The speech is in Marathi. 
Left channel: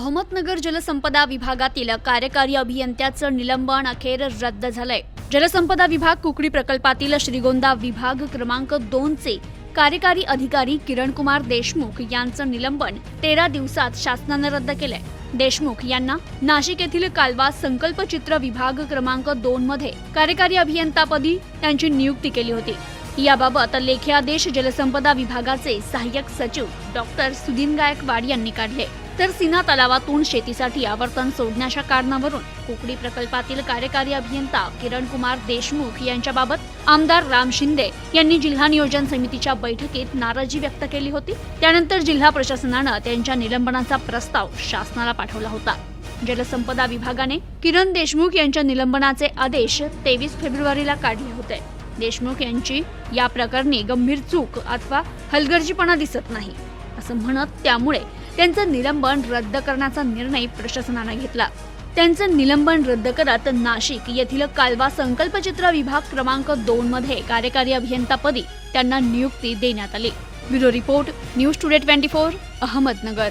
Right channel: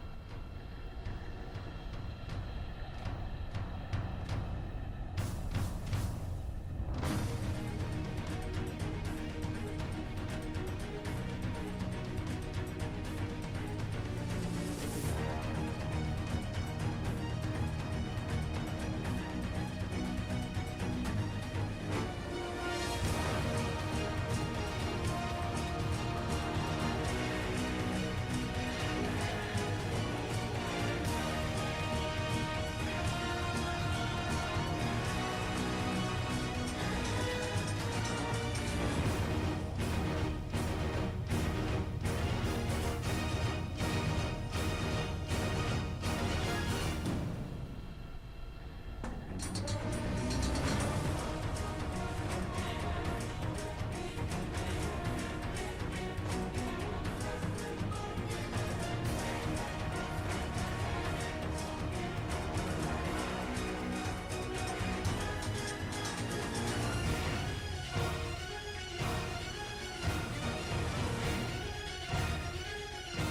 अहमदनगर जलसंपदा विभागातील कार्यकारी अभियंत्याचं निलंबन अखेर रद्द झालंय. जलसंपदा विभाग कुकडी प्रकल्पातील श्रीगोंदा विभाग क्रमांक दोनचे कार्यकारी अधिकारी किरणकुमार देशमुख यांचं निलंबन तेरा दिवसात शासनानं रद्द केलंय. देशमुख यांना नाशिक येथील कालवा संकल्पचित्र विभाग क्रमांक दोन मध्ये कार्यकारी अभियंतापदी त्यांची नियुक्ती केली होती. याबाबत लेखी आदेश जलसंपदा विभागाचे सहाय्यक सचिव डॉक्टर सुदीन गायकवाड यांनी काढले. तर सिना तलावातून शेतीसाठी आवर्तन सोडण्याच्या कारणावरून कोकडी प्रकल्पातील कार्यकारी अभियंता किरण कुमार देशमुख यांच्याबाबत आमदार राम शिंदे यांनी जिल्हा नियोजन समितीच्या बैठकीत नाराजी व्यक्त केली होती. त्यानंतर जिल्हा प्रशासनानं त्यांच्या निलंबनाचा प्रस्ताव शासनाला पाठवला होता. जलसंपदा विभागाने किरण देशमुख यांच्या निलंबनाचे आदेश तेवीस फेब्रुवारीला काढले होते. देशमुख यांची या प्रकरणी गंभीर चूक अथवा हलगर्जीपणा दिसत नाही असं म्हणत त्यामुळे त्यांचं निलंबन रद्द करण्याचा निर्णय प्रशासनानं घेतला. त्यांचं निलंबन रद्द करत नाशिक येथील कालवा संकल्पचित्र विभाग क्रमांक दोन मध्ये कार्यकारी अभियंतापदी त्यांना नियुक्ती देण्यात आली. Bureau report news today twenty four Ahmednagar.